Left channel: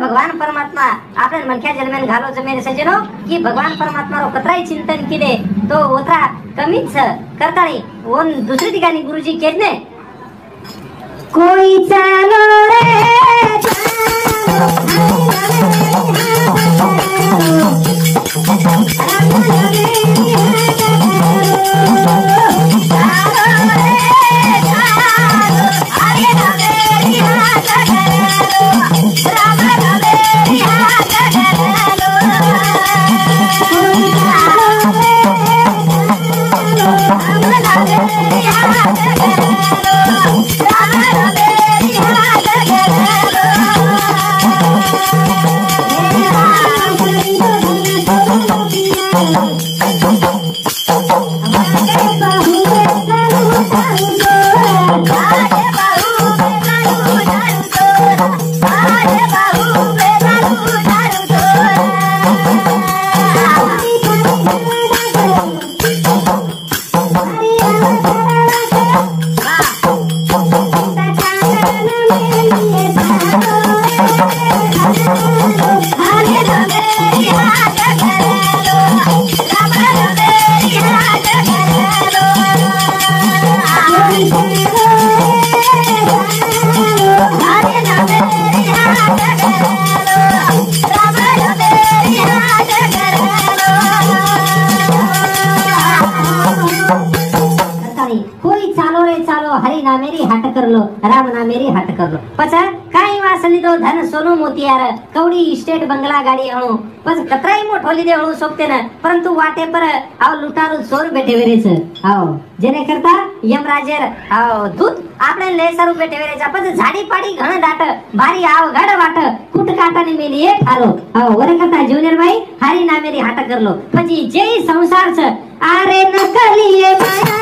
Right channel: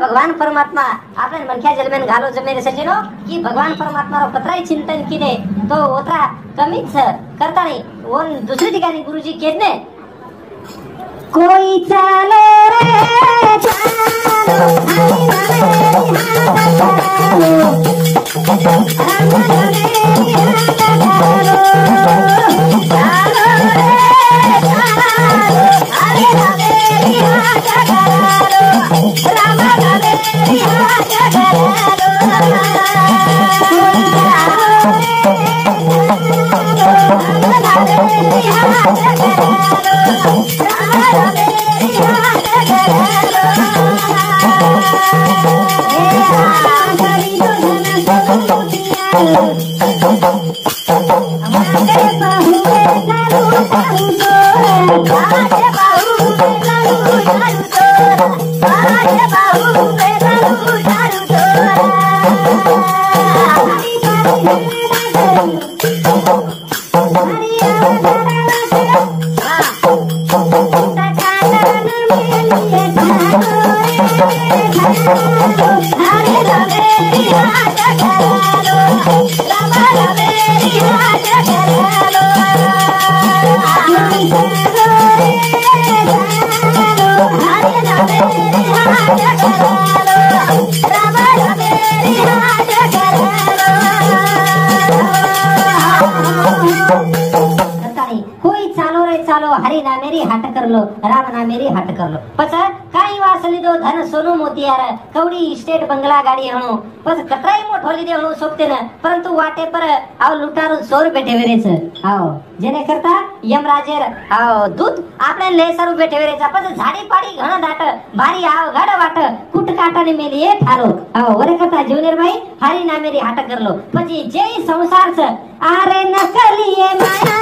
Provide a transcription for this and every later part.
भगवान परमात्मा आपल्या मनख्या जन्मेन घालो जमेन सजनो की भगवान परमात्मा रो कतराई चिंतन किने तो होता कमीच करता नाही वन दुसरी ठिकाणी गुरुजी कहते कोई चलो रे राम ना मेरी हट कर लो पछ काही वासली दो धन सोनू मोतियार कवडी इस्टेट बंगला गाडी हणो पछ कतराई मोठो लीधे हणो सोकते न परंतु वाटे पर आव लुटारू चोर बेठे वेरेच आव जेने करता यमराजर आव दूत आपने लेसरू बेठे वेरेचा पछ झाडी पाडी घण दाट भारी आव गाड वाट कुट काटाने मेली एक हालो आव वरे करता जूनियर भाई हारी ना मेरी हट कर लो પછી જે સંસાર છે આરે નકલીએ માયા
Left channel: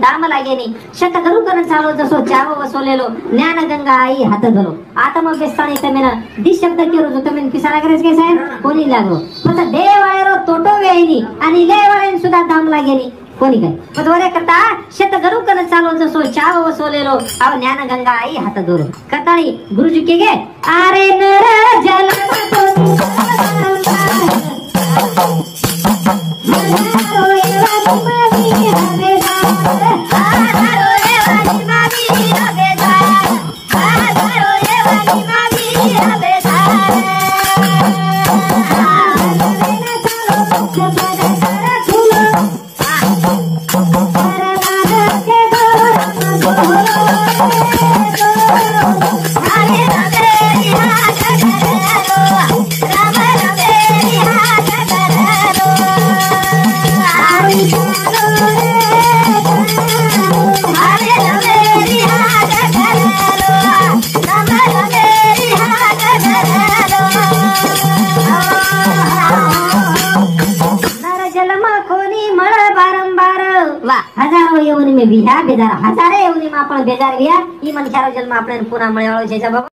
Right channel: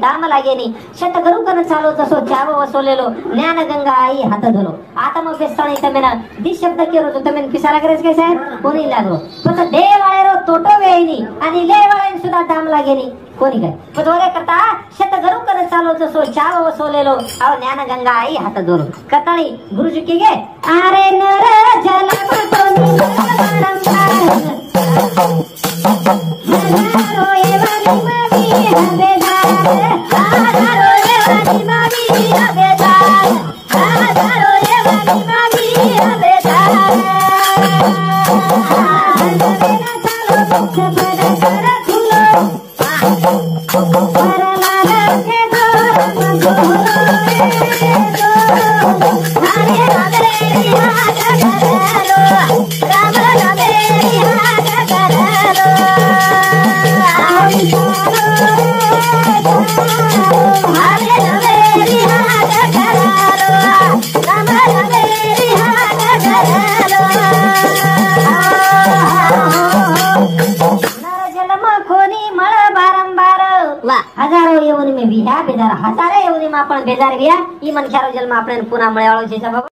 दाम लागेनी शतगुरु कन चालो तसो चावो वसोलेलो ज्ञान गंगा आई हात धरो आत्म बेस्ताणी तमेन दि शब्द केरो जो तमेन पिसारा करेस कैसे कोणी लागो पण देवाळेरो तोटो वेईनी आणि लेवाळेन सुद्धा दाम लागेनी कोणी काय पदवरे करता शतगुरु कन चालो तसो चावो वसोलेलो आव ज्ञान गंगा आई हात धरो कताळी गुरुजी के गे आरे नर जल વિહા બેજાર હજારે એવદીમાં પણ બેજાર ગયા ઈ મનખ્યારો જન્મ આપણે પુના મળ્યાળો છે સાહેબ।